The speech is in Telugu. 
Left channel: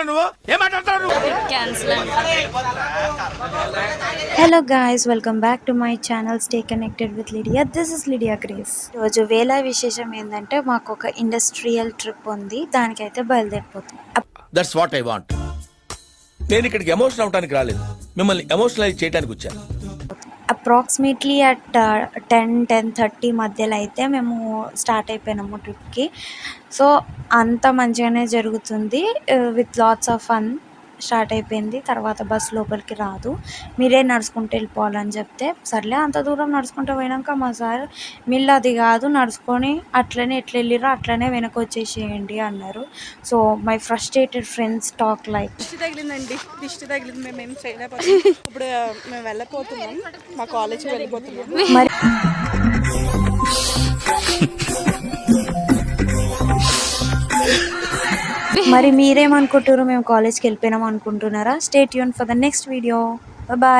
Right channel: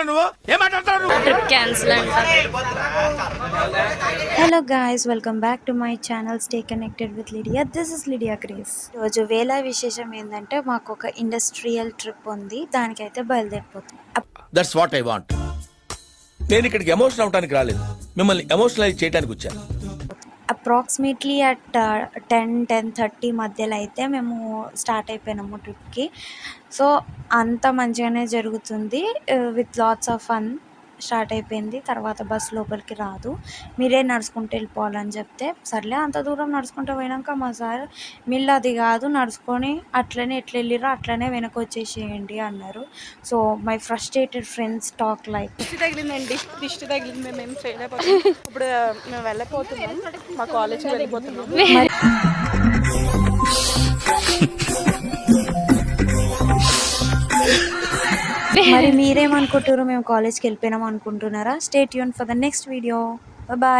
మాట్లాడుతున్నావు నువ్వు? ఏం మాట్లాడుతున్నావు నువ్వు? ట్రిప్ క్యాన్సిల్ అంట. Hello guys, welcome back to my channel. Stay connected with Lydia. This is Lydia Grace. రోజు వేళ విశేషం ఏంటంటే మాకు ఒక ఇండస్ట్రియల్ ట్రిప్ ఉంది, దానికైతే బయలుదేరిపోతుంది. That's what I want. నేను ఇక్కడికి ఎమోషనల్ అవడానికి రాలేదు, మిమ్మల్ని ఎమోషనలైజ్ చేయడానికి వచ్చాను. అప్రాక్సిమేట్లీ అట్ 10-10:30 మధ్యలో అయితే మేము స్టార్ట్ అయిపోయినాము ట్రిప్కి. సో అంత మంచిగానే జరుగుతుంది, with lots of fun start అయిపోయింది. తర్వాత బస్ లోపలికి రాదు, మీరే నడుచుకుంటూ వెళ్ళిపోవాలని చెప్తే సర్లే అంత దూరం నడుచుకుంటూ పోయినాక మా సార్ మిల్లు అది కాదు, నడుచుకొని అట్లనే ఎట్లా వెళ్ళిరో అట్లనే వెనక వచ్చేసేయండి అన్నారు. So my frustrated friends talk like దిష్టి తగిలింది, మేము చేయలేకపోతున్నాం. ఇప్పుడు మేము వెళ్ళిపోతున్నాం, మా కాలేజ్కి వెళ్ళిపోతున్నాం. మరి మీరేమనుకుంటారు, మేము కాలేజ్కి వెళ్ళిపోయినాం అనుకుంటున్నారా? Stay tune for the next video. Bye.